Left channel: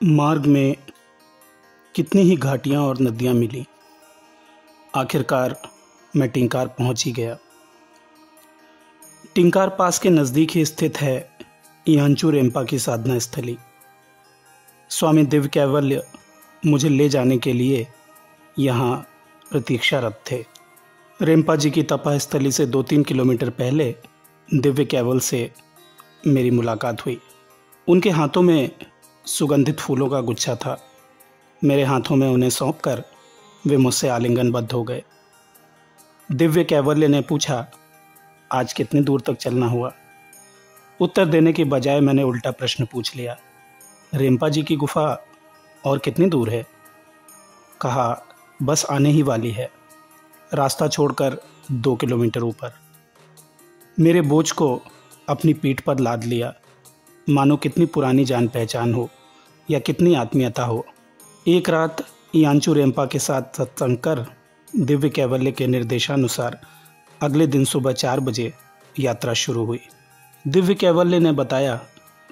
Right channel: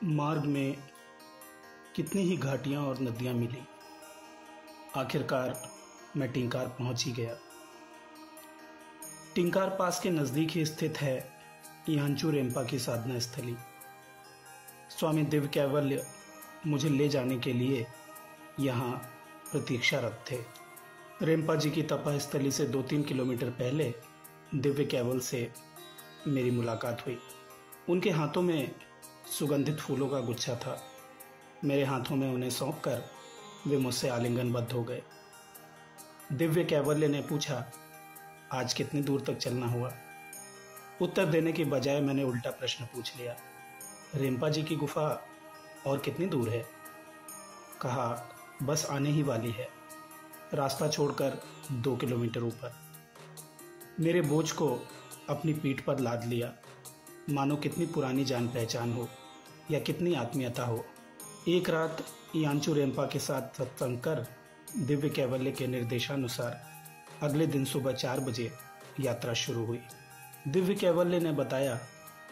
मार्ग में कितनी ही घाटियाँ और नदियाँ मिली, आखिरकार मैं टिंकार पहुँच ही गया। टिंकार पास के नज़दीक ही स्थित है यांचू रेम्पा की साधना स्थली। स्वामी दिव्य कैवल्य मुझे ले जाने के लिए यहाँ प्रतीक्षारत थे। रेम्पा जी की तपस्थली से 2-3 किलोमीटर पहले दिव्य कैवल से मेरी मुलाकात हुई। उनके हाथों में सुगंधित फूलों का गुच्छा था। मेरे हाथों में उन्हें सौंपकर वे मुझसे आलिंगनबद्ध हो गए। दिव्य कैवल्य ने पूछा, आज कितनी दूर तक चलना हुआ? उत्तर देने की बजाय मैंने उल्टा प्रश्न पूछ लिया, रेम्पा जी की गुफा और कितनी दूर है? कहा, बस आने ही वाली है, रास्ता छोड़कर 2 किलोमीटर ऊपर। मेरे बोझ को अपनी पीठ पर लाद लिया, मानो कितनी पुरानी जान पहचान हो या कितनी आत्मीयता हो। एक रात यांचू रेम्पा के साथ सत्संग कर दिव्य कैवल्य के निर्देशानुसार अगले दिन सुबह 4 बजे यात्रा शुरू हुई। दिव्य कैवल्य ने बताया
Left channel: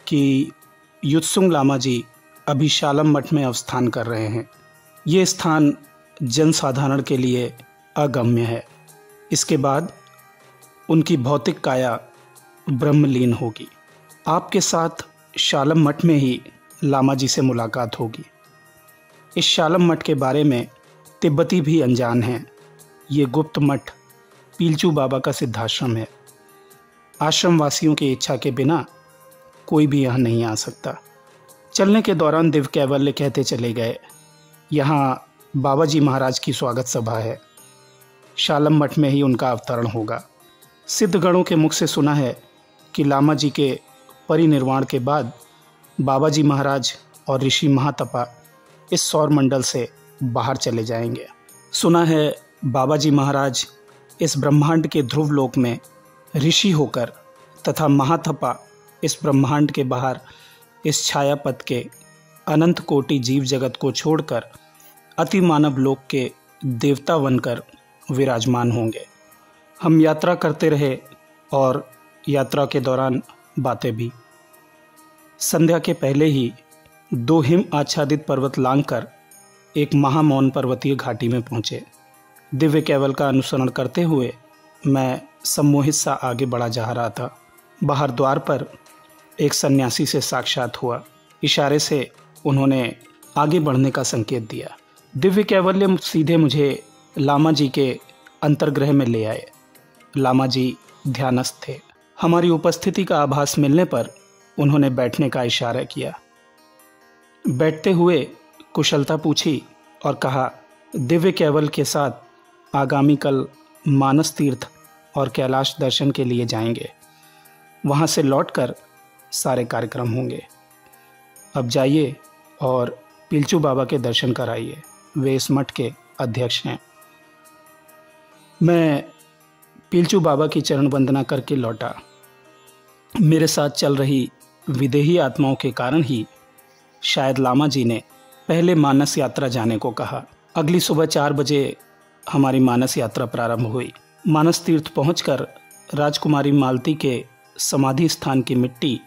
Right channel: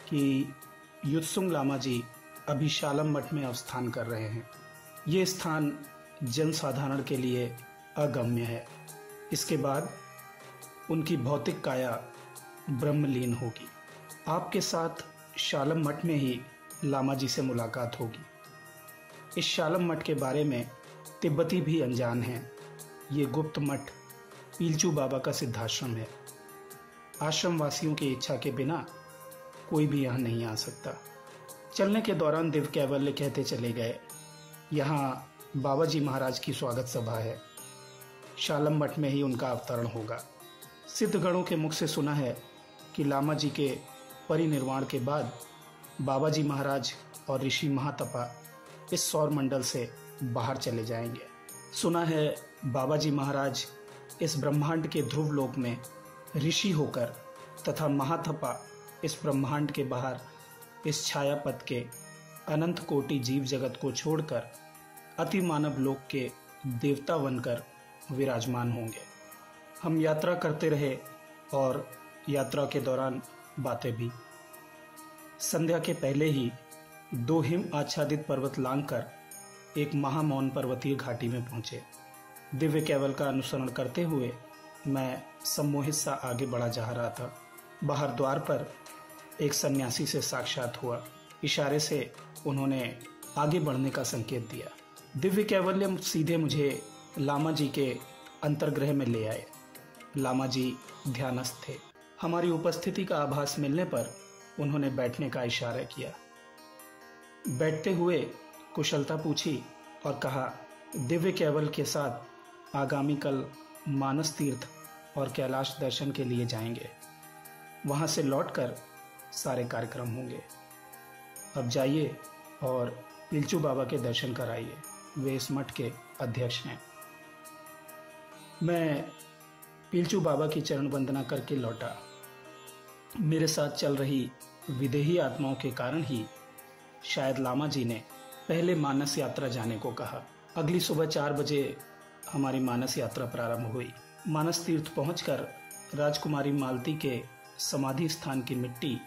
कि युत्सुंग लामा जी अभी शालम मठ में अवस्थान कर रहे हैं। ये स्थान जनसाधारण के लिए अगम्य है। इसके बाद उनकी भौतिक काया ब्रह्मलीन होगी। आपके साथ शालम मठ में ही लामा जी से मुलाकात होगी। इस शालम मठ के बारे में तिब्बती भी अनजान हैं। ये गुप्त मठ पीलचू बाबा का सिद्धाश्रम है। आश्रम वासियों की इच्छा के बिना कोई भी यहाँ नहीं आ सकता। चलने के दौरान दिव्य कैवल्य कहते चले गए, यहाँ बाबा जी महाराज की स्वागत सभा है। शालम मठ में ही उनका अवतरण होगा। सिद्धगणों के मुख से सुना है कि लामा जी के परिनिर्वाण के बाद बाबा जी महाराज और ऋषि महातपा इस सौर मंडल से बाहर चले जाएंगे। सुना है बाबा जी महाराज इस ब्रह्मांड के ध्रुव लोक में ऋषि होकर तथा महातपा इस ब्रह्मांड के बाहर इस छायापथ के अनंत कोटि जीव जगत को छोड़कर अति मानव लोक के देवता बनकर विराजमान होंगे। हम यात्रा करते रहे और यात्रा के दौरान बातें भी। संध्या के पहले ही 2 हिम आच्छादित पर्वत लांघकर एक महामौन पर्वतीय घाटी में पहुंचे। दिव्य कैवल का अनुसरण करते हुए मैं सम्मोहित सा आगे बढ़ा जा रहा था। बाहर द्वार पर एक सन्यासी से साक्षात हुआ। इशारे से उन्होंने आगे बढ़ने का संकेत दिया। दिव्य कैवल्य सीधे मुझे लामा जी के अंतर्गृह में ले आए। लामा जी ध्यानस्थ थे। हमारी उपस्थिति का आभास मिलने पर उन्होंने बैठने का इशारा किया। बैठते हुए कुशलता पूछी और कहा, दिव्य कैवल के साथ आगामी कल मानस तीर्थ और कैलाश दर्शन के लिए जाएंगे। वहाँ से लौटकर सारे कार्यक्रम होंगे। अब जाइए और पीलचू बाबा के दर्शन कराइए। वे इस मठ के अध्यक्ष हैं। मैं पीलचू बाबा की चरण वंदना करके लौटा। मेरे साथ चल रही विदेही आत्माओं के कारण ही शायद लामा जी ने पहले मानस यात्रा जाने को कहा। अगली सुबह 4 बजे हमारी मानस यात्रा प्रारंभ हुई। मानस तीर्थ पहुंचकर राजकुमारी मालती के समाधि स्थान की मिट्टी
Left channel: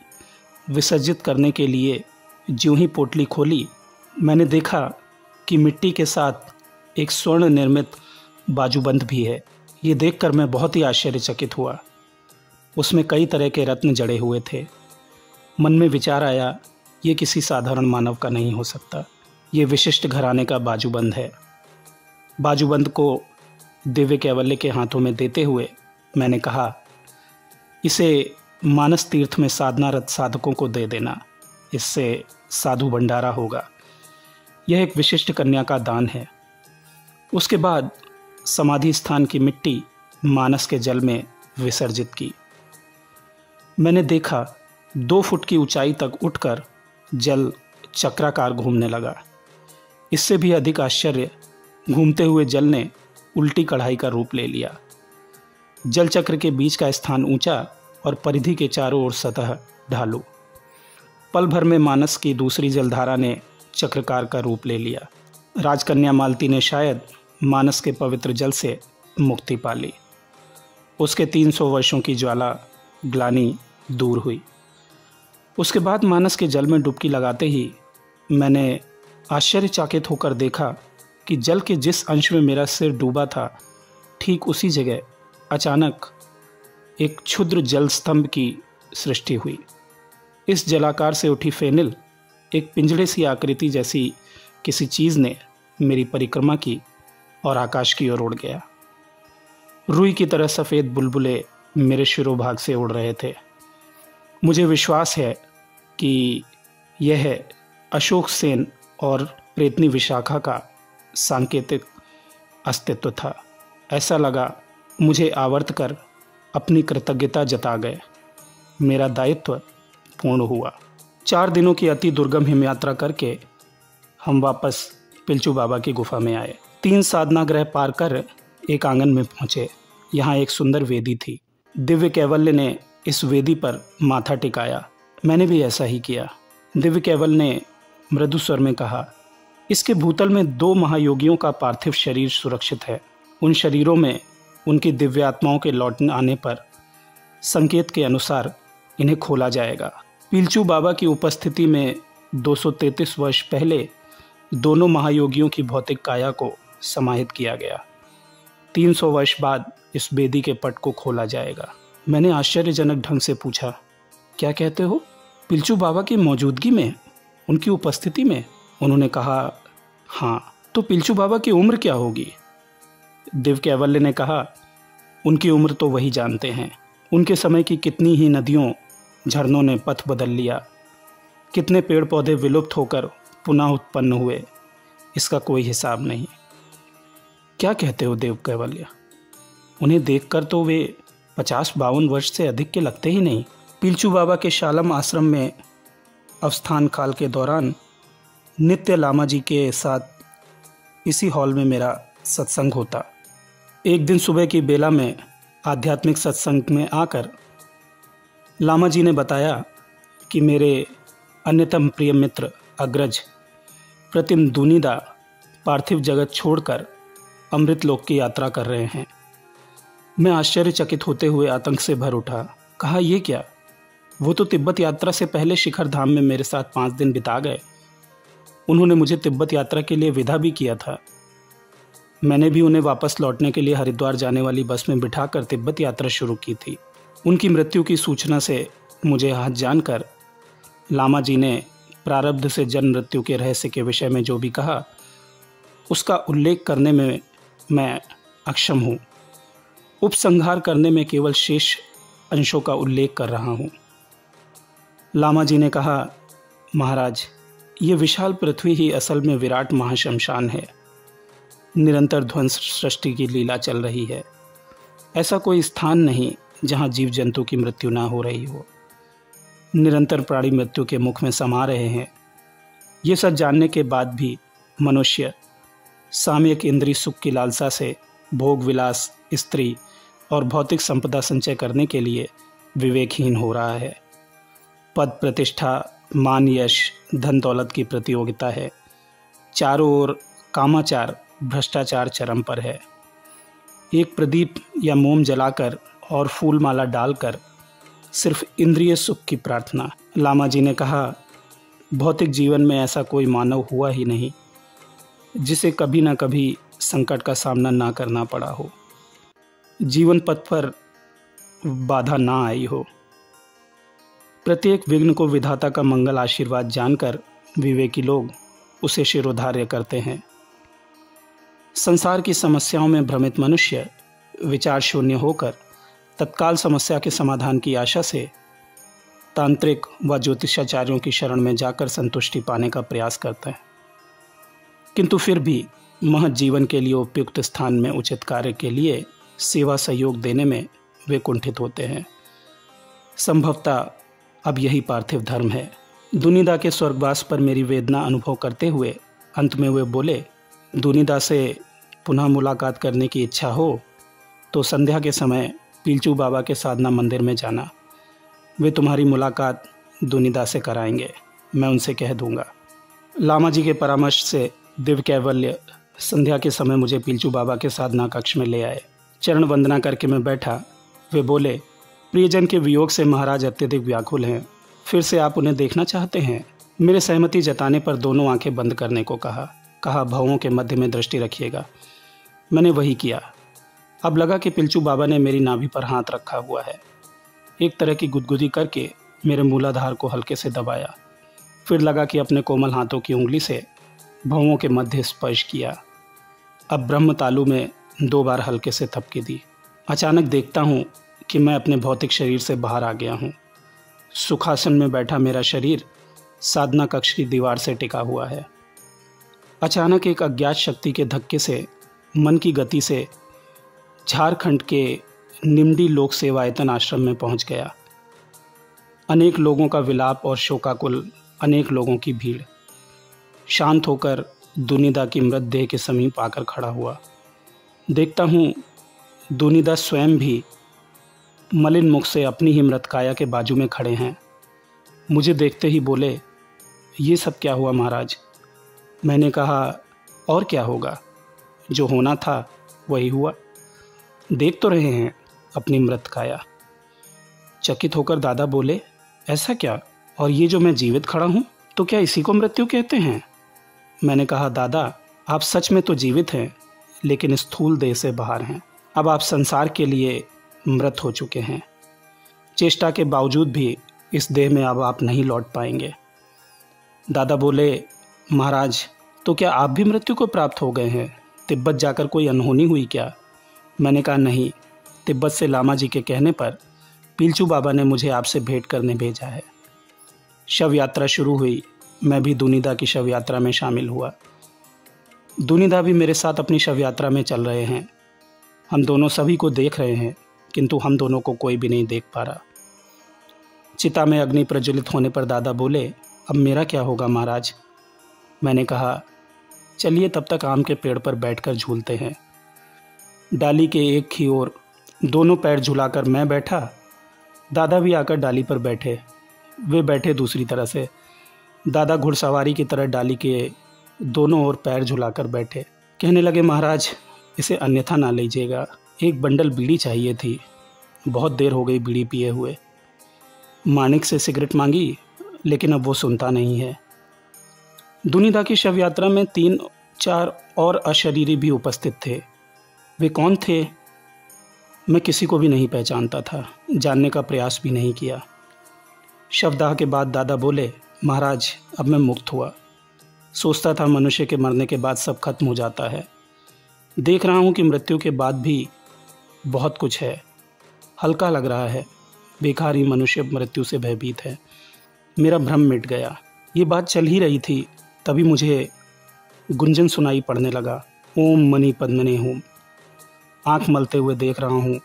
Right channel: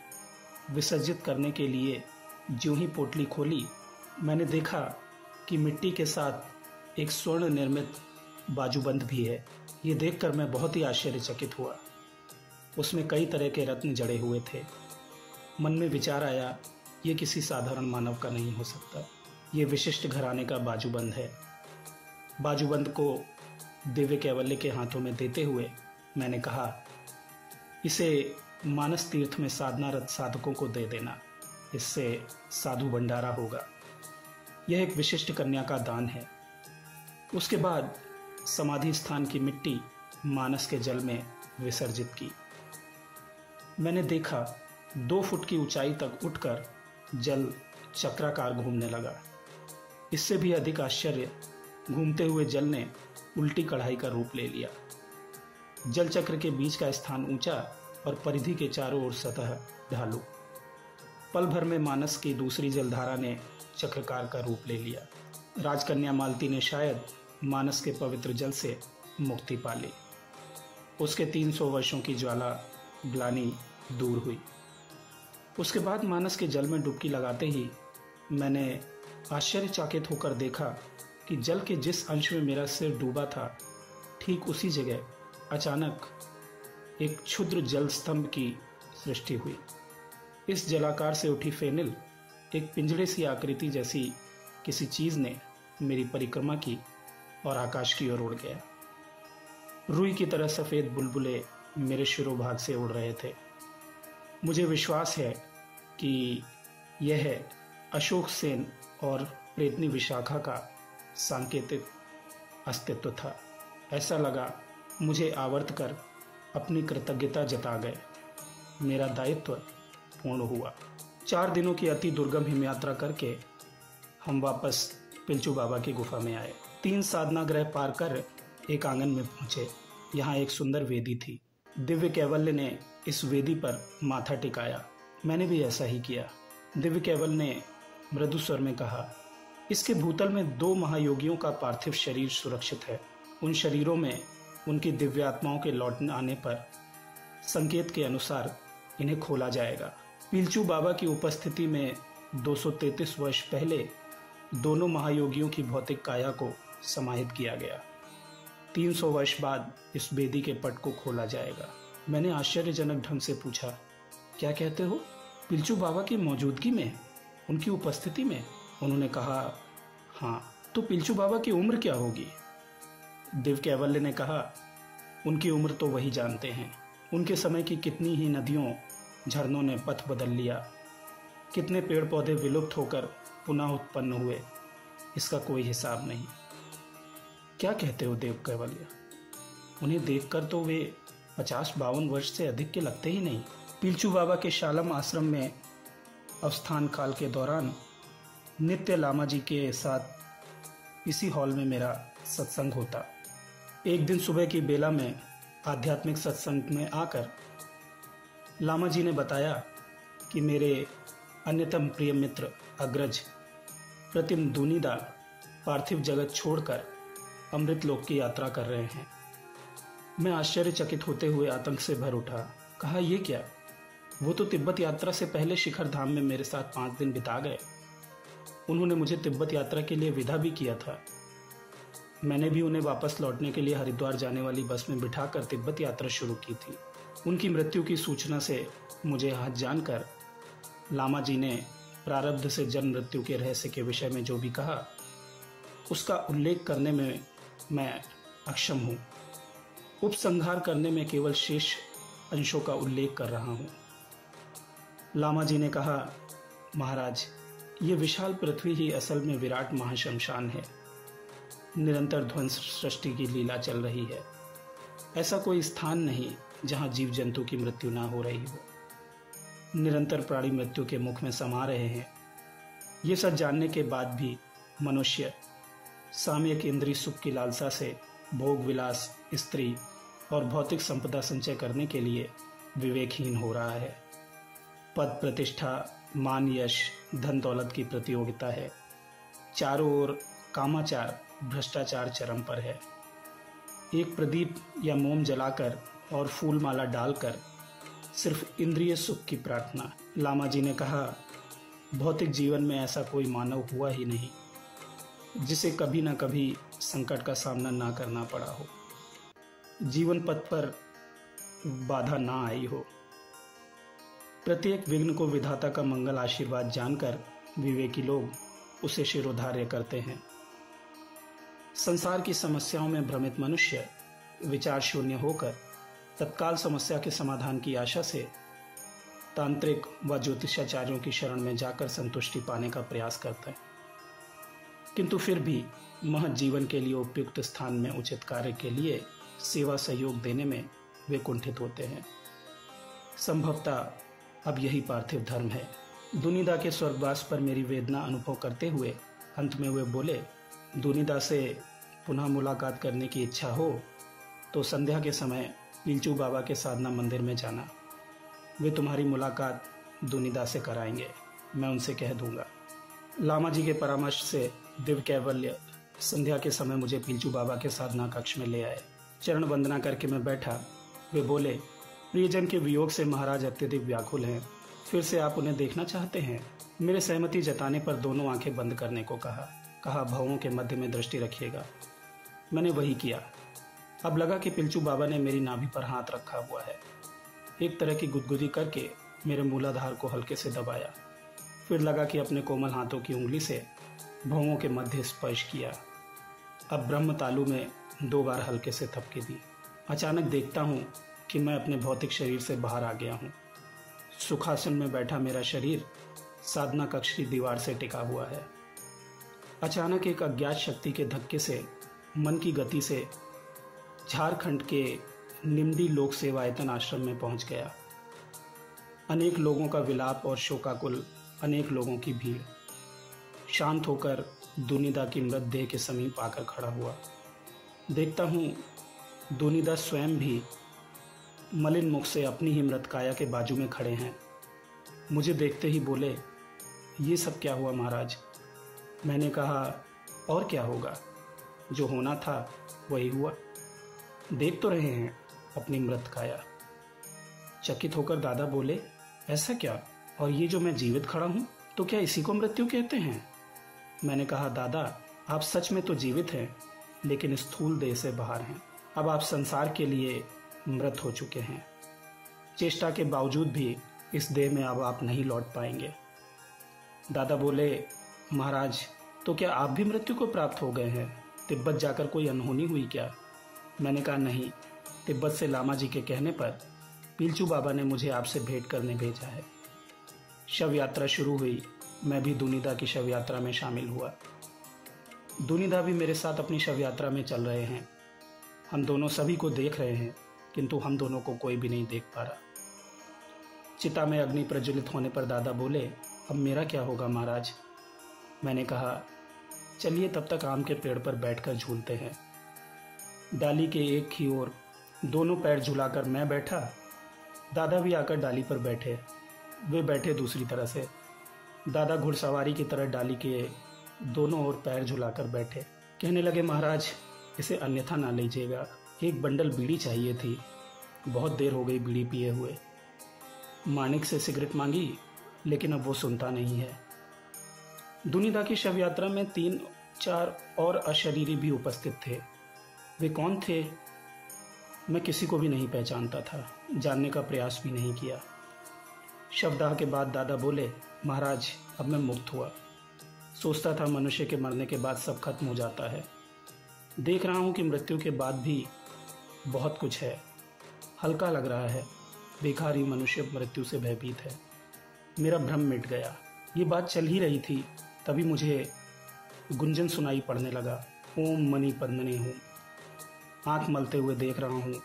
विसर्जित करने के लिए ज्यों ही पोटली खोली, मैंने देखा कि मिट्टी के साथ एक स्वर्ण निर्मित बाजूबंद भी है। ये देखकर मैं बहुत ही आश्चर्यचकित हुआ। उसमें कई तरह के रत्न जड़े हुए थे। मन में विचार आया, ये किसी साधारण मानव का नहीं हो सकता। ये विशिष्ट घराने का बाजूबंद है। बाजूबंद को दिव्य कैवल्य के हाथों में देते हुए मैंने कहा, इसे मानस तीर्थ में साधनारत साधकों को दे देना। इससे साधु भंडारा होगा। यह एक विशिष्ट कन्या का दान है। उसके बाद समाधि स्थान की मिट्टी मानस के जल में विसर्जित की। मैंने देखा 2 फुट की ऊंचाई तक उठकर जल चक्राकार घूमने लगा। इससे भी अधिक आश्चर्य, घूमते हुए जल ने उल्टी कढ़ाई का रूप ले लिया। जल चक्र के बीच का स्थान ऊंचा और परिधि के चारों ओर सतह ढालू। पल भर में मानस की दूसरी जलधारा ने चक्रकार का रूप ले लिया। राजकन्या मालती ने शायद मानस के पवित्र जल से मुक्ति पा ली। उसके 300 वर्षों की ज्वाला ग्लानि दूर हुई। उसके बाद मानस के जल में डुबकी लगाते ही मैंने आश्चर्यचकित होकर देखा कि जल के जिस अंश में मेरा सिर डूबा था, ठीक उसी जगह अचानक एक क्षुद्र जल स्तंभ की सृष्टि हुई। इस जलाकार से उठी फेनिल एक पिंजड़े सी आकृति जैसी किसी चीज़ ने मेरी परिक्रमा की और आकाश की ओर उड़ गया। रुई की तरह सफ़ेद बुलबुले मेरे शिरोभाग से उड़ रहे थे। मुझे विश्वास है कि यह अशोक सेन और प्रेतनी विशाखा का सांकेतिक अस्तित्व था। ऐसा लगा मुझे आवर्त कर अपनी कृतज्ञता जता गए। मेरा दायित्व पूर्ण हुआ। 4 दिनों की अति दुर्गम हिम यात्रा करके हम वापस पिलचू बाबा की गुफा में आए। 3 साधना गृह पार कर एक आंगन में पहुँचे। यहाँ एक सुंदर वेदी थी। दिव्य कैवल्य ने इस वेदी पर माथा टिकाया। मैंने भी ऐसा ही किया। दिव्य कैवल्य ने मृदु स्वर में कहा, इसके भूतल में 2 महायोगियों का पार्थिव शरीर सुरक्षित है। उन शरीरों में उनकी दिव्य आत्माओं के लौट आने पर संकेत के अनुसार इन्हें खोला जाएगा। पिलचू बाबा की उपस्थिति में 233 वर्ष पहले दोनों महायोगियों की भौतिक काया को समाहित किया गया। 300 वर्ष बाद इस वेदी के पट को खोला जाएगा। मैंने आश्चर्यजनक ढंग से पूछा, क्या कहते हो? पिलचू बाबा की मौजूदगी में, उनकी उपस्थिति में? उन्होंने कहा, हाँ। तो पिलचू बाबा की उम्र क्या होगी? दिव्य कैवल्य ने कहा, उनकी उम्र तो वही जानते हैं। उनके समय की कितनी ही नदियों झरनों ने पथ बदल लिया, कितने पेड़ पौधे विलुप्त होकर पुनः उत्पन्न हुए, इसका कोई हिसाब नहीं। क्या कहते हो देव कैवल्य? उन्हें देखकर तो वे 50-52 वर्ष से अधिक के लगते ही नहीं। पिलचू बाबा के शालम आश्रम में अवस्थान काल के दौरान नित्य लामा जी के साथ इसी हॉल में मेरा सत्संग होता। एक दिन सुबह की बेला में आध्यात्मिक सत्संग में आकर लामा जी ने बताया कि मेरे अन्यतम प्रिय मित्र अग्रज प्रतिम दुनिदा पार्थिव जगत छोड़कर अमृत लोक की यात्रा कर रहे हैं। मैं आश्चर्यचकित होते हुए आतंक से भर उठा। कहा, ये क्या? वो तो तिब्बत यात्रा से पहले शिखर धाम में मेरे साथ 5 दिन बिता गए। उन्होंने मुझे तिब्बत यात्रा के लिए विदा भी किया था। मैंने भी उन्हें वापस लौटने के लिए हरिद्वार जाने वाली बस में बिठाकर तिब्बत यात्रा शुरू की थी। उनकी मृत्यु की सूचना से मुझे हाथ जानकर लामा जी ने प्रारब्ध से जन्म मृत्यु के रहस्य के विषय में जो भी कहा, उसका उल्लेख करने में मैं अक्षम हूँ। उपसंहार करने में केवल शेष अंशों का उल्लेख कर रहा हूँ। लामा जी ने कहा, महाराज, ये विशाल पृथ्वी ही असल में विराट महाशमशान है। निरंतर ध्वंस सृष्टि की लीला चल रही है। ऐसा कोई स्थान नहीं जहाँ जीव जंतु की मृत्यु ना हो रही हो। निरंतर प्राणी मृत्यु के मुख में समा रहे हैं। ये सब जानने के बाद भी मनुष्य सामयिक इंद्रिय सुख की लालसा से भोग विलास, स्त्री और भौतिक संपदा संचय करने के लिए विवेकहीन हो रहा है। पद प्रतिष्ठा, मान यश, धन दौलत की प्रतियोगिता है। चारों ओर कामाचार, भ्रष्टाचार चरम पर है। एक प्रदीप या मोम जलाकर और फूल माला डालकर सिर्फ इंद्रिय सुख की प्रार्थना। लामा जी ने कहा, भौतिक जीवन में ऐसा कोई मानव हुआ ही नहीं जिसे कभी ना कभी संकट का सामना ना करना पड़ा हो, जीवन पथ पर बाधा ना आई हो। प्रत्येक विघ्न को विधाता का मंगल आशीर्वाद जानकर विवेकी लोग उसे शिरोधार्य करते हैं। संसार की समस्याओं में भ्रमित मनुष्य विचार शून्य होकर तत्काल समस्या के समाधान की आशा से तांत्रिक व ज्योतिषाचार्यों की शरण में जाकर संतुष्टि पाने का प्रयास करता है, किंतु फिर भी महৎ जीवन के लिए उपयुक्त स्थान में उचित कार्य के लिए सेवा सहयोग देने में वे कुंठित होते हैं। संभवतः अब यही पार्थिव धर्म है। दुनिदा के स्वर्गवास पर मेरी वेदना अनुभव करते हुए अंत में वे बोले, दुनिदा से पुनः मुलाकात करने की इच्छा हो तो संध्या के समय पिलचू बाबा के साधना मंदिर में जाना। वे तुम्हारी मुलाकात दुनिदा से कराएंगे, मैं उनसे कह दूंगा। लामा जी के परामर्श से दिव्य कैवल्य संध्या के समय मुझे पिलचू बाबा के साधना कक्ष में ले आए। चरण वंदना करके मैं बैठा। वे बोले, प्रियजन के वियोग से महाराज अत्यधिक व्याकुल हैं, फिर से आप उन्हें देखना चाहते हैं? मेरे सहमति जताने पर दोनों आंखें बंद करने को कहा भवों के मध्य में दृष्टि रखिएगा। मैंने वही किया। अब लगा कि पिलचू बाबा ने मेरी नाभि पर हाथ रखा हुआ है। एक तरह की गुदगुदी करके मेरे मूलाधार को हल्के से दबाया। फिर लगा कि अपने कोमल हाथों की उंगली से भवों के मध्य स्पर्श किया। अब ब्रह्म तालु में 2 बार हल्के से थपकी दी। अचानक देखता हूँ कि मैं अपने भौतिक शरीर से बाहर आ गया हूँ। सुखासन में बैठा मेरा शरीर साधना कक्ष की दीवार से टिका हुआ है। अचानक एक अज्ञात शक्ति के धक्के से मन की गति से झारखंड के निमडी लोक सेवायतन आश्रम में पहुंच गया। अनेक लोगों का विलाप और शोकाकुल, अनेक लोगों की भीड़। शांत होकर दुनिदा की मृतदेह के समीप आकर खड़ा हुआ। देखता हूँ दुनिदा स्वयं भी मलिन मुख से अपनी ही मृतकाया के बाजू में खड़े हैं। मुझे देखते ही बोले, ये सब क्या हुआ महाराज? मैंने कहा, और क्या होगा, जो होना था वही हुआ। देख तो रहे हैं अपनी मृतकाया। चकित होकर दादा बोले, ऐसा क्या? और ये जो मैं जीवित खड़ा हूँ, तो क्या इसी को मृत्यु कहते हैं? मैंने कहा, दादा आप सच में तो जीवित हैं, लेकिन स्थूल देह से बाहर हैं। अब आप संसार के लिए मृत हो चुके हैं। चेष्टा के बावजूद भी इस देह में अब आप नहीं लौट पाएंगे। दादा बोले, महाराज तो क्या आप भी मृत्यु को प्राप्त हो गए हैं? तिब्बत जाकर कोई अनहोनी हुई क्या? मैंने कहा, नहीं, तिब्बत से लामा जी के कहने पर पिलचू बाबा ने मुझे आपसे भेंट करने भेजा है। शव यात्रा शुरू हुई। मैं भी दुनिदा की शव यात्रा में शामिल हुआ। दुनिदा भी मेरे साथ अपनी शव यात्रा में चल रहे हैं। हम दोनों सभी को देख रहे हैं, किंतु हम दोनों को कोई भी नहीं देख पा रहा। चिता में अग्नि प्रज्वलित होने पर दादा बोले, अब मेरा क्या होगा महाराज? मैंने कहा, चलिए तब तक आम के पेड़ पर बैठकर झूलते हैं। डाली के एक ही ओर दोनों पैर झुलाकर मैं बैठा। दादा भी आकर डाली पर बैठे। वे बैठे दूसरी तरह से। दादा घुड़सवारी की तरह डाली के दोनों ओर पैर झुलाकर बैठे। कहने लगे, महाराज इसे अन्यथा ना लीजिएगा, एक बंडल बीड़ी चाहिए थी, बहुत देर हो गई बीड़ी पिए हुए। मानिक से सिगरेट मांगी, लेकिन अब वो सुनता नहीं है। दुनिदा की शव यात्रा में 3-4 और अशरीरी भी उपस्थित थे। वे कौन थे? मैं किसी को भी नहीं पहचानता था, जानने का प्रयास भी नहीं किया। शवदाह के बाद दादा बोले, महाराज अब मैं मुक्त हुआ। सोचता था मनुष्य के मरने के बाद सब खत्म हो जाता है। देख रहा हूँ कि मृत्यु के बाद भी बहुत कुछ है। हल्का लग रहा है। बेकार मनुष्य मृत्यु से भयभीत है। मेरा भ्रम मिट गया। ये बात चल ही रही थी, तभी मुझे गुंजन सुनाई पड़ने लगा, ओम मणि पद्मने होम। आँख मलते हुए देख रहा हूँ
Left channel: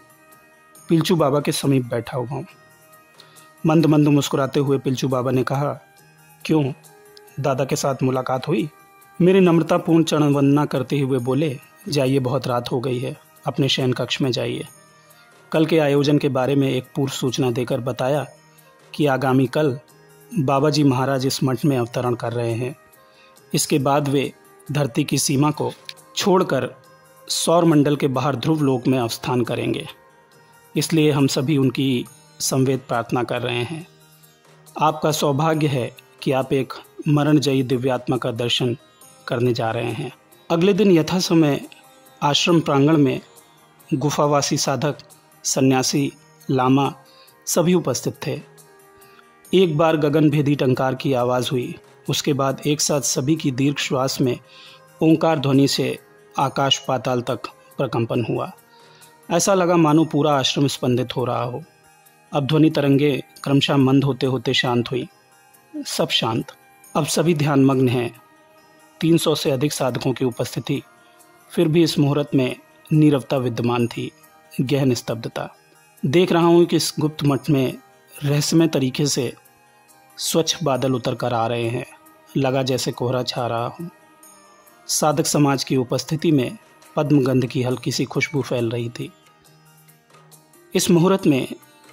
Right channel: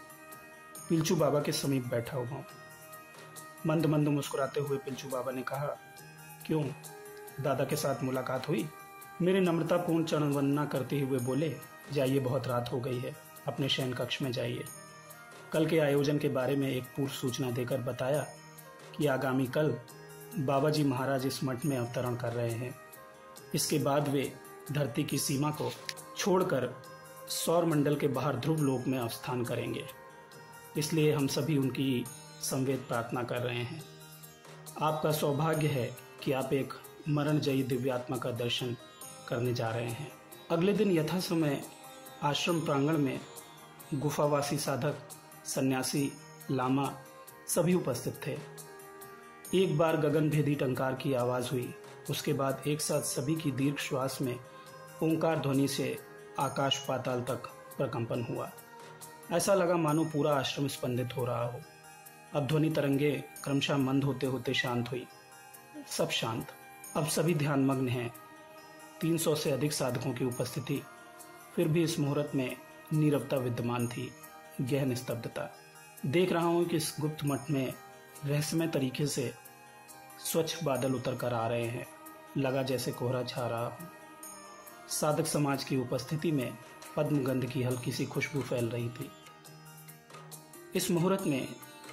पिलचू बाबा के समीप बैठा हुआ हूँ। मंद मंद मुस्कुराते हुए पिलचू बाबा ने कहा, क्यों, दादा के साथ मुलाकात हुई? मेरी नम्रतापूर्ण चरण वंदना करते हुए बोले, जाइए बहुत रात हो गई है, अपने शयन कक्ष में जाइए। कल के आयोजन के बारे में एक पूर्व सूचना देकर बताया कि आगामी कल बाबा जी महाराज इस मठ में अवतरण कर रहे हैं। इसके बाद वे धरती की सीमा को छोड़कर सौर मंडल के बाहर ध्रुव लोक में अवस्थान करेंगे। इसलिए हम सभी उनकी संवेद प्रार्थना कर रहे हैं। आपका सौभाग्य है कि आप एक मरणजयी दिव्यात्मा का दर्शन करने जा रहे हैं। अगले दिन यथा समय आश्रम प्रांगण में गुफावासी साधक, सन्यासी, लामा सभी उपस्थित थे। एक बार गगनभेदी टंकार की आवाज़ हुई। उसके बाद एक साथ सभी की दीर्घ श्वास में ओंकार ध्वनि से आकाश पाताल तक प्रकंपन हुआ। ऐसा लगा मानो पूरा आश्रम स्पंदित हो रहा हो। अब ध्वनि तरंगे क्रमशः मंद होते होते शांत हुई। सब शांत। अब सभी ध्यानमग्न हैं। 300 से अधिक साधकों की उपस्थिति। फिर भी इस मुहूर्त में नीरवता विद्यमान थी, गहन स्तब्धता। देख रहा हूँ कि इस गुप्त मठ में रहस्यमय तरीके से स्वच्छ बादल उतर कर आ रहे हैं। लगा जैसे कोहरा छा रहा हूँ। साधक समाज की उपस्थिति में पद्मगंध की हल्की सी खुशबू फैल रही थी। इस मुहूर्त में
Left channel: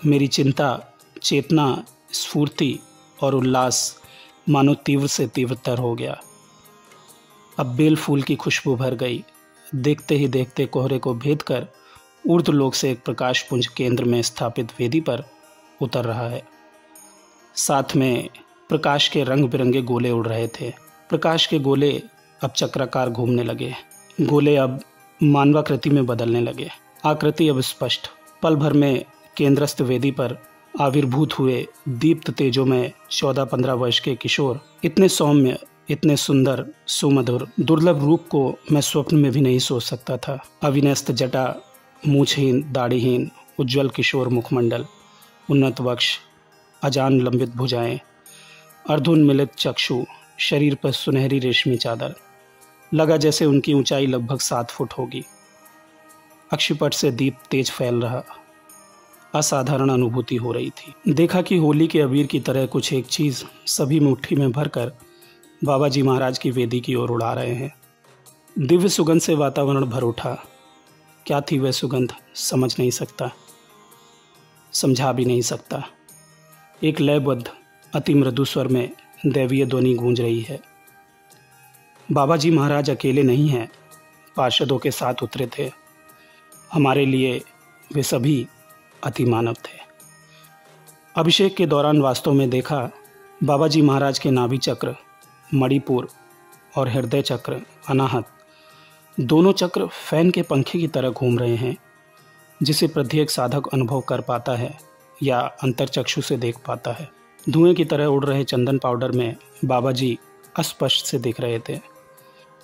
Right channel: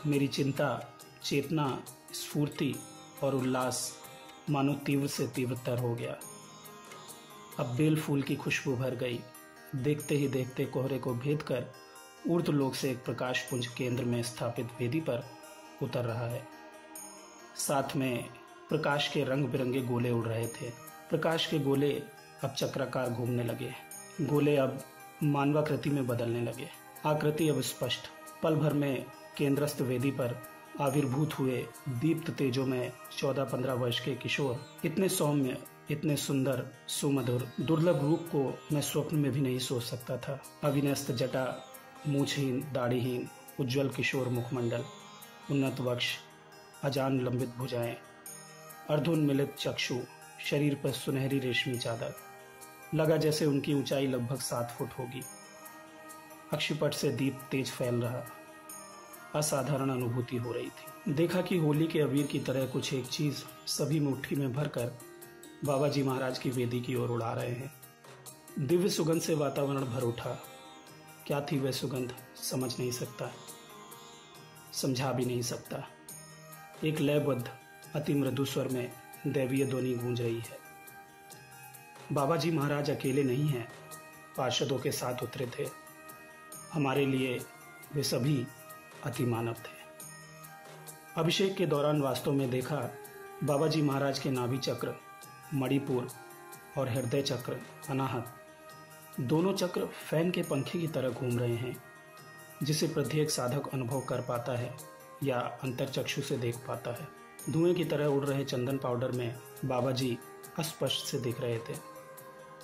मेरी चिंता, चेतना, स्फूर्ति और उल्लास मानो तीव्र से तीव्रतर हो गया। अब बेल फूल की खुशबू भर गई। देखते ही देखते कोहरे को भेद कर ऊर्ध्वलोक से एक प्रकाश पुंज केंद्र में स्थापित वेदी पर उतर रहा है। साथ में प्रकाश के रंग बिरंगे गोले उड़ रहे थे। प्रकाश के गोले अब चक्राकार घूमने लगे। गोले अब मानवाकृति में बदलने लगे। आकृति अब स्पष्ट। पल भर में केंद्रस्थ वेदी पर आविर्भूत हुए दीप्त तेजों में 14-15 वर्ष के किशोर, इतने सौम्य, इतने सुंदर, सुमधुर, दुर्लभ रूप को मैं स्वप्न में भी नहीं सोच सकता था। अविन्यस्त जटा, मूछहीन, दाढ़ीहीन, उज्ज्वल किशोर मुखमंडल, उन्नत वक्ष, अजान लंबित भुजाएं, अर्धोन्मिलित चक्षु, शरीर पर सुनहरी रेशमी चादर। लगा जैसे उनकी ऊंचाई लगभग 7 फुट होगी। अक्षिपट से दीप तेज फैल रहा। असाधारण अनुभूति हो रही थी। देखा कि होली के अबीर की तरह कुछ एक चीज सभी मुट्ठी में भरकर बाबा जी महाराज की वेदी की ओर उड़ा रहे हैं। दिव्य सुगंध से वातावरण भर उठा। क्या थी वह सुगंध समझ नहीं सकता, समझा भी नहीं सकता। एक लयबद्ध अति मृदु स्वर में दैवीय ध्वनि गूंज रही है। बाबा जी महाराज अकेले नहीं हैं, पार्षदों के साथ उतरे थे। हमारे लिए वे सभी अति मानव थे। अभिषेक के दौरान वास्तव में देखा बाबा जी महाराज के नाभि चक्र, मणिपुर और हृदय चक्र अनाहत, दोनों चक्र फैन के पंखे की तरह घूम रहे हैं, जिसे प्रत्येक साधक अनुभव कर पाता है या अंतर्चक्षु से देख पाता है। धुएं की तरह उड़ रहे चंदन पाउडर में बाबा जी अस्पष्ट से दिख रहे थे।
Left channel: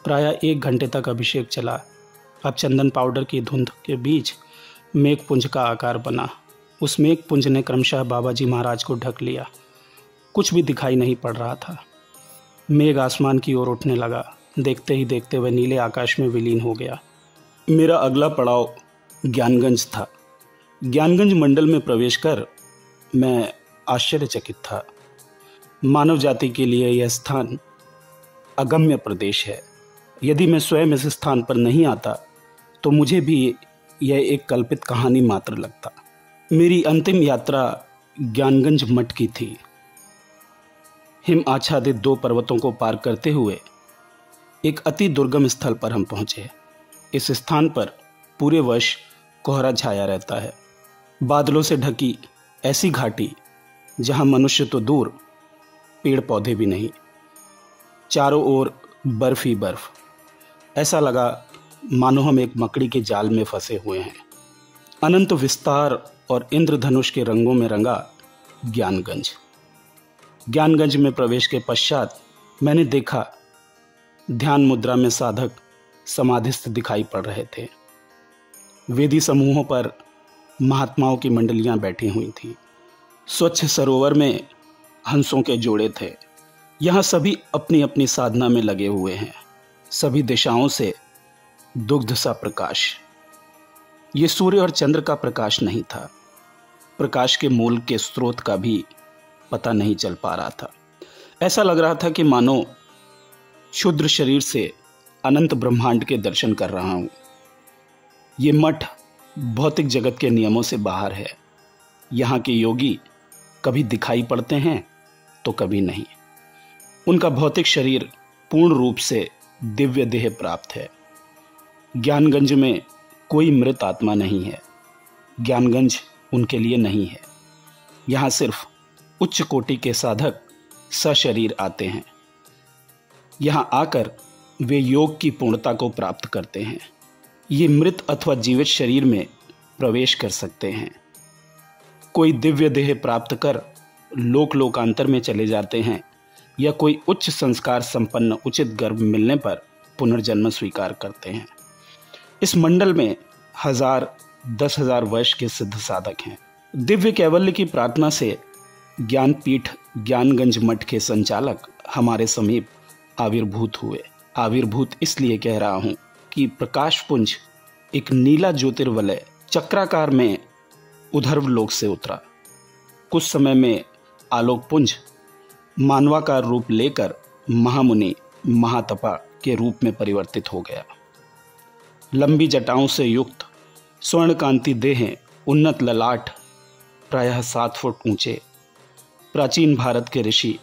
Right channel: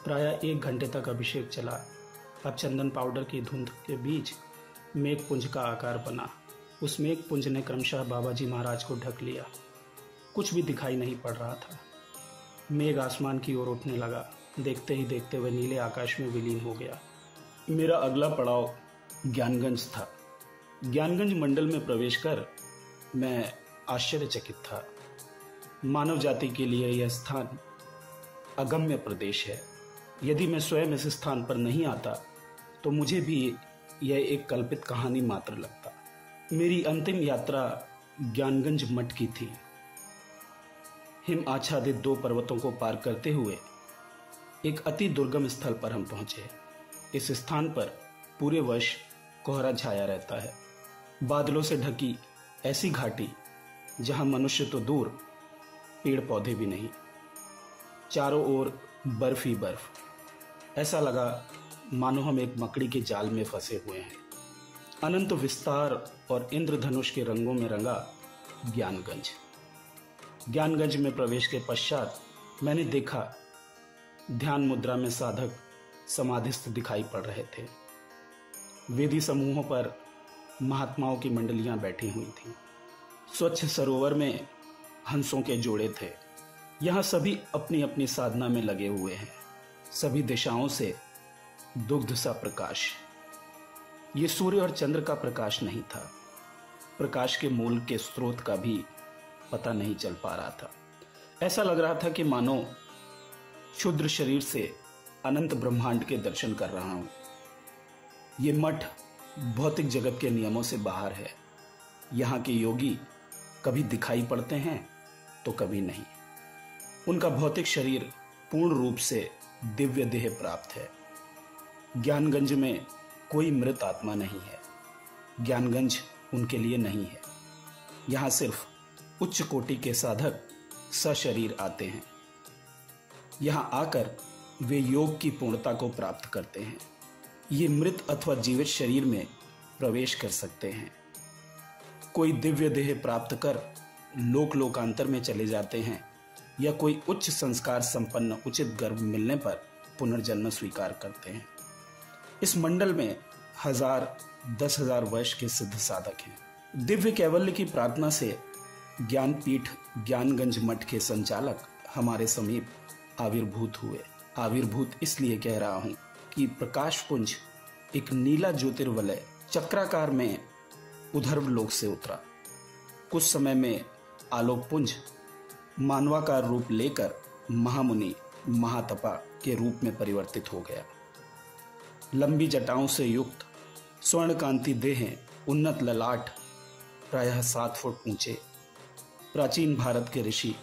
प्रायः 1 घंटे तक अभिषेक चला। अब चंदन पाउडर की धुंध के बीच मेघपुंज का आकार बना। उस मेघपुंज ने क्रमशः बाबा जी महाराज को ढक लिया। कुछ भी दिखाई नहीं पड़ रहा था। मेघ आसमान की ओर उठने लगा। देखते ही देखते वह नीले आकाश में विलीन हो गया। मेरा अगला पड़ाव ज्ञानगंज था। ज्ञानगंज मंडल में प्रवेश कर मैं आश्चर्यचकित था। मानव जाति के लिए यह स्थान अगम्य प्रदेश है। यदि मैं स्वयं इस स्थान पर नहीं आता तो मुझे भी यह एक कल्पित कहानी मात्र लगता। मेरी अंतिम यात्रा ज्ञानगंज मठ की थी। हिम आच्छादित 2 पर्वतों को पार करते हुए एक अति दुर्गम स्थल पर हम पहुंचे। इस स्थान पर पूरे वर्ष कोहरा छाया रहता है। बादलों से ढकी ऐसी घाटी जहां मनुष्य तो दूर, पेड़ पौधे भी नहीं, चारों ओर बर्फ ही बर्फ। ऐसा लगा मानो हम एक मकड़ी के जाल में फंसे हुए हैं। अनंत विस्तार और इंद्रधनुष के रंगों में रंगा ज्ञानगंज। ज्ञानगंज में प्रवेश के पश्चात मैंने देखा ध्यान मुद्रा में साधक समाधिस्थ दिखाई पड़ रहे थे। वेदी समूहों पर महात्माओं की मंडलियां बैठी हुई थीं। स्वच्छ सरोवर में हंसों के जोड़े थे। यहाँ सभी अपनी अपनी साधना में लगे हुए हैं। सभी दिशाओं से दुग्ध सा प्रकाश। ये सूर्य और चंद्र का प्रकाश नहीं था। प्रकाश के मूल के स्रोत का भी पता नहीं चल पा रहा था। ऐसा लग रहा था कि मानो क्षुद्र शरीर से अनंत ब्रह्मांड के दर्शन कर रहा हूँ। ये मठ भौतिक जगत के नियमों से बाहर है। यहाँ के योगी कभी दिखाई पड़ते हैं तो कभी नहीं। उनका भौतिक शरीर पूर्ण रूप से दिव्य देह प्राप्त है। ज्ञानगंज में कोई मृत आत्मा नहीं है। ज्ञानगंज उनके लिए नहीं है। यहाँ सिर्फ उच्च कोटि के साधक सशरीर आते हैं। यहाँ आकर वे योग की पूर्णता को प्राप्त करते हैं। ये मृत अथवा जीवित शरीर में प्रवेश कर सकते हैं। कोई दिव्य देह प्राप्त कर लोकांतर में चले जाते हैं, या कोई उच्च संस्कार संपन्न उचित गर्भ मिलने पर पुनर्जन्म स्वीकार करते हैं। इस मंडल में 1000-10,000 वर्ष के सिद्ध साधक हैं। दिव्य कैवल्य की प्रार्थना से ज्ञानपीठ ज्ञानगंज मठ के संचालक हमारे समीप आविर्भूत हुए। आविर्भूत इसलिए कह रहा हूँ कि प्रकाश पुंज एक नीला ज्योतिर्वलय चक्राकार में उधर्व लोक से उतरा। कुछ समय में आलोक पुंज मानवाकार रूप लेकर महामुनि महातपा के रूप में परिवर्तित हो गया। लंबी जटाओं से युक्त स्वर्णकांति देहें, उन्नत ललाट, प्रायः 7 फुट ऊंचे प्राचीन भारत के ऋषि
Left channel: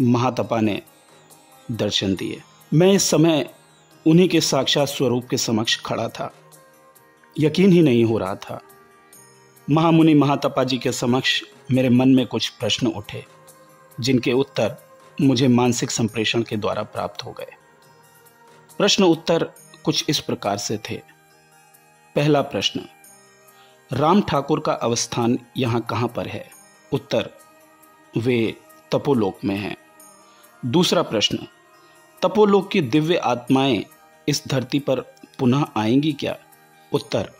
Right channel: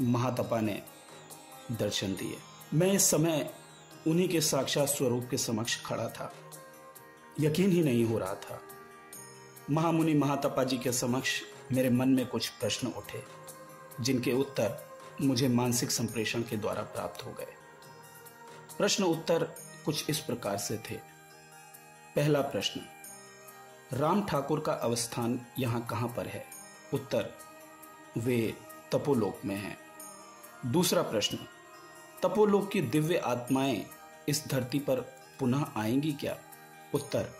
महातपा ने दर्शन दिए। मैं इस समय उन्हीं के साक्षात स्वरूप के समक्ष खड़ा था। यकीन ही नहीं हो रहा था। महामुनि महातपा जी के समक्ष मेरे मन में कुछ प्रश्न उठे। जिनके उत्तर मुझे मानसिक संप्रेषण के द्वारा प्राप्त हो गए। प्रश्न उत्तर कुछ इस प्रकार से थे। पहला प्रश्न, राम ठाकुर का अवस्थान यहाँ कहाँ पर है? उत्तर, वे तपोलोक में हैं। दूसरा प्रश्न, तपोलोक की दिव्य आत्माएं इस धरती पर पुनः आएंगी क्या? उत्तर,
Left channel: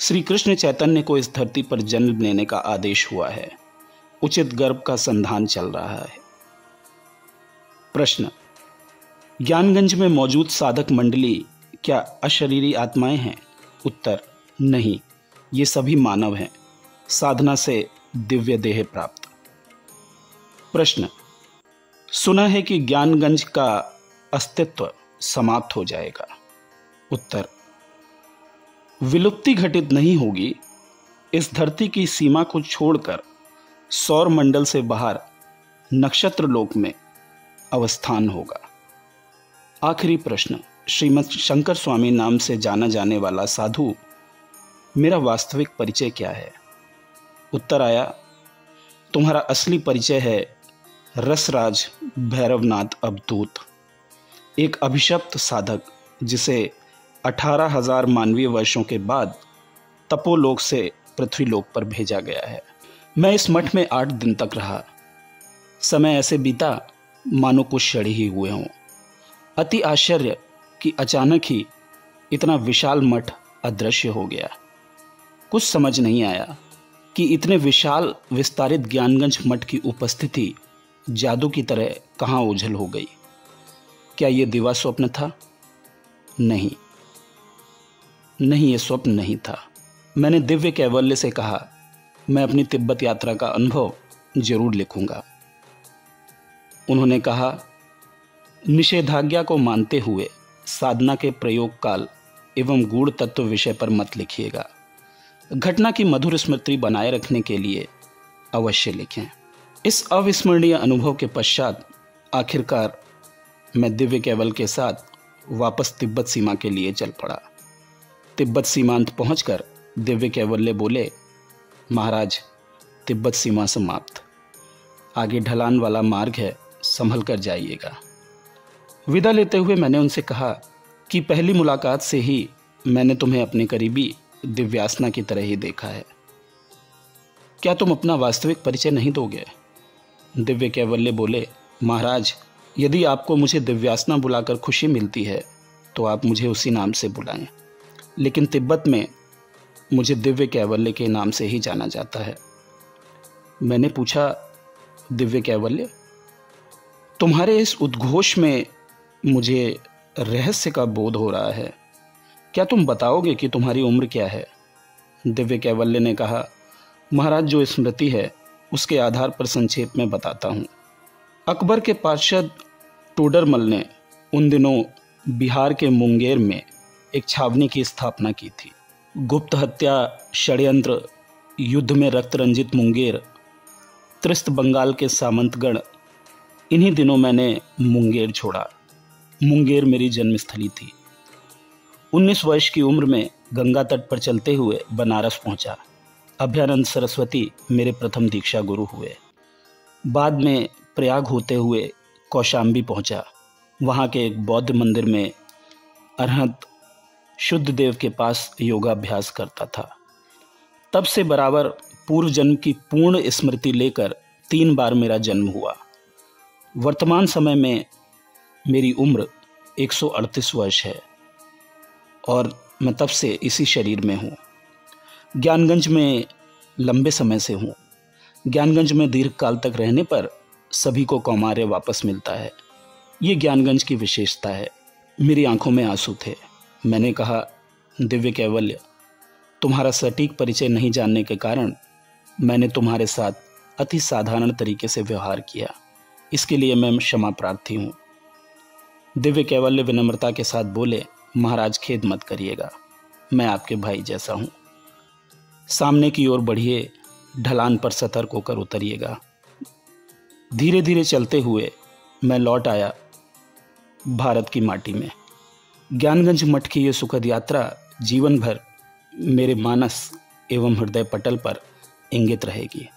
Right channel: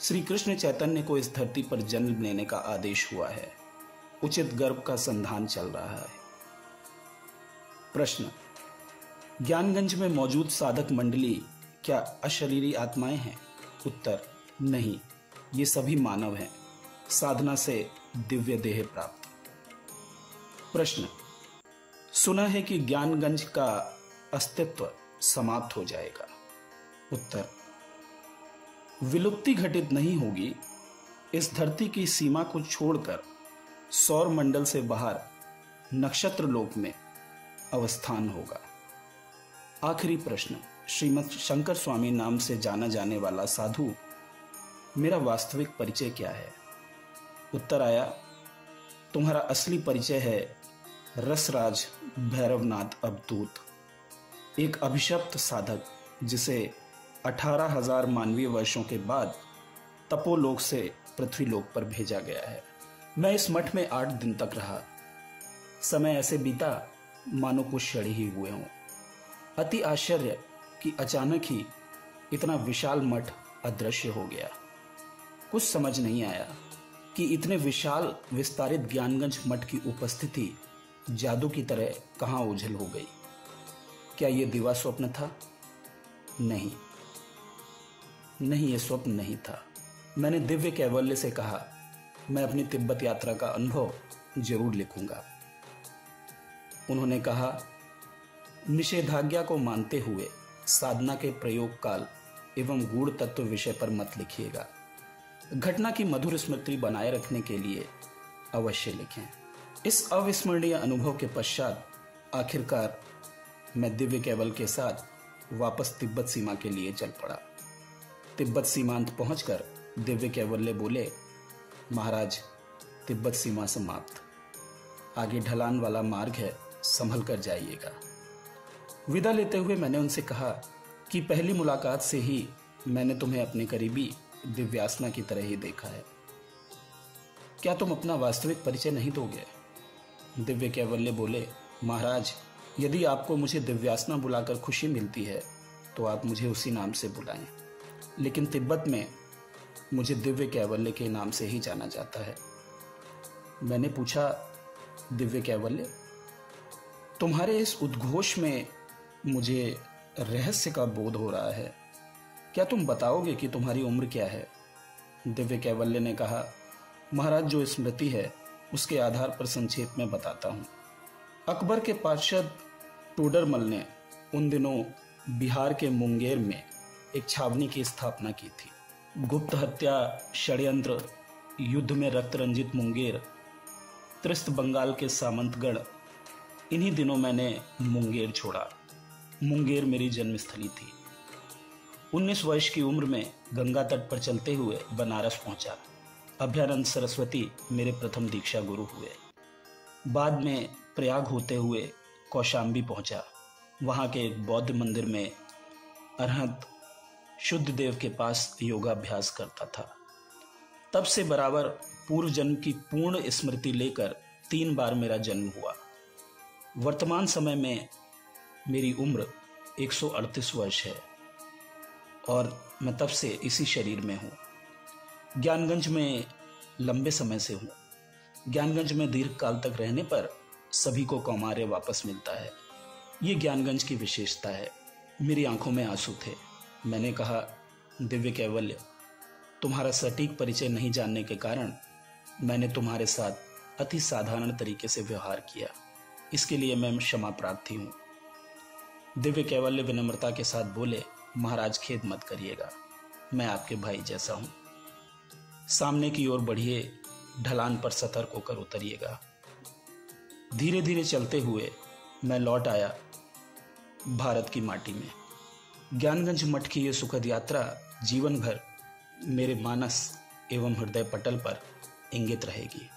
श्री कृष्ण चैतन्य को इस धरती पर जन्म लेने का आदेश हुआ है। उचित गर्भ का संधान चल रहा है। प्रश्न, ज्ञानगंज में मौजूद साधक मंडली क्या अशरीरी आत्माएं हैं? उत्तर, नहीं, ये सभी मानव हैं, साधना से दिव्य देह प्राप्त। प्रश्न, सुना है कि ज्ञानगंज का अस्तित्व समाप्त हो जाएगा। उत्तर, विलुप्ति घटित नहीं होगी। इस धरती की सीमा को छोड़कर सौर मंडल से बाहर नक्षत्र लोक में अवस्थान होगा। आखिरी प्रश्न, श्रीमद शंकर स्वामी नाम से जाना जाने वाला साधु, मेरा वास्तविक परिचय क्या है? उत्तर आया, तुम्हारा असली परिचय है रसराज भैरवनाथ अवधूत, एक अभिशप्त साधक जिसे 18,000 मानवीय वर्षों के बाद तपोलोक से पृथ्वीलोक पर भेजा गया है। मैं इस मठ में 8 दिन तक रहा। समय ऐसे बीता मानो कुछ क्षण ही हुए हों। अति आश्चर्य कि अचानक ही इतना विशाल मठ अदृश्य हो गया। कुछ समझ नहीं आया कि इतने विशाल विस्तारित ज्ञानगंज मठ की उपस्थिति जादू की तरह कहाँ ओझल हो गई। क्या ये दिवा स्वप्न था? नहीं, ये स्वप्न नहीं था। मैंने दिव्य कैवल्य से कहा, मैं अपनी तिब्बत यात्रा का अनुभव जरूर लिखूंगा। उन्होंने कहा, निषेधाज्ञा को मानते हुए साधना के प्रयोग काल एवं गूढ़ तत्व विषय पर मत लिखिएगा। घटना की मधुर स्मृति बनाए रखने के लिए अवश्य लिखें। इस अविस्मरणीय अनुभव के पश्चात आखिरकार मैं दिव्य कैवल के साथ वापस तिब्बत सीमा के लिए चल पड़ा। तिब्बत सीमांत पहुंचकर दिव्य कैवल्य बोले, महाराज, तिब्बत सीमा समाप्त, आगे ढलान वाला मार्ग है, संभल कर जाइएगा। विदा लेते हुए मैंने उनसे कहा कि पहली मुलाकात से ही मैंने तुम्हें अपने करीबी दिव्यासना की तरह ही देखा है। क्या तुम अपना वास्तविक परिचय नहीं दोगे? दिव्य कैवल्य बोले, महाराज, यदि आपको मुझे दिव्यासना बुलाकर खुशी मिलती है तो आप मुझे उसी नाम से बुलाएं, लेकिन तिब्बत में मुझे दिव्य कैवल्य के नाम से ही जाना जाता है। मैंने पूछा, दिव्य कैवल्य, तुम्हारे इस उद्घोष में मुझे रहस्य का बोध हो रहा है। क्या तुम बताओगे कि तुम्हारी उम्र क्या है? दिव्य कैवल्य ने कहा, महाराज, जो स्मृति है उसके आधार पर संक्षेप में बताता हूँ। अकबर के पार्षद टोडरमल ने उन दिनों बिहार के मुंगेर में एक छावनी की स्थापना की थी। गुप्त हत्या, षड्यंत्र, युद्ध में रक्त रंजित मुंगेर, त्रिस्त बंगाल के सामंतगढ़, इन्हीं दिनों मैंने मुंगेर छोड़ा। मुंगेर मेरी जन्मस्थली थी। 19 वर्ष की उम्र में गंगा तट पर चलते हुए बनारस पहुंचा। अभयानंद सरस्वती मेरे प्रथम दीक्षा गुरु हुए। बाद में प्रयाग होते हुए कौशाम्बी पहुंचा। वहां के एक बौद्ध मंदिर में अरहंत शुद्ध देव के पास योगाभ्यास करता था। तब से बराबर पूर्व जन्म की पूर्ण स्मृति लेकर 3 बार मेरा जन्म हुआ। वर्तमान समय में मेरी उम्र 138 वर्ष है और मैं तब से इसी शरीर में हूँ। ज्ञानगंज में लंबे समय से हूँ। ज्ञानगंज में दीर्घ काल तक रहने पर सभी को कौमार्य वापस मिलता है। ये ज्ञानगंज की विशेषता है। मेरी आंखों में आंसू थे। मैंने कहा, दिव्य कैवल्य, तुम्हारा सटीक परिचय नहीं जानने के कारण मैंने तुम्हारे साथ अति साधारण तरीके से व्यवहार किया। इसके लिए मैं क्षमा प्रार्थी हूँ। दिव्य कैवल्य विनम्रता के साथ बोले, महाराज, खेद मत करिएगा, मैं आपके भाई जैसा हूँ। सामने की ओर बढ़िए, ढलान पर सतर्क होकर उतरिएगा। धीरे धीरे चलते हुए मैं लौट आया भारत की माटी में। ज्ञानगंज मठ की ये सुखद यात्रा जीवन भर मेरे मानस एवं हृदय पटल पर इंगित रहेगी।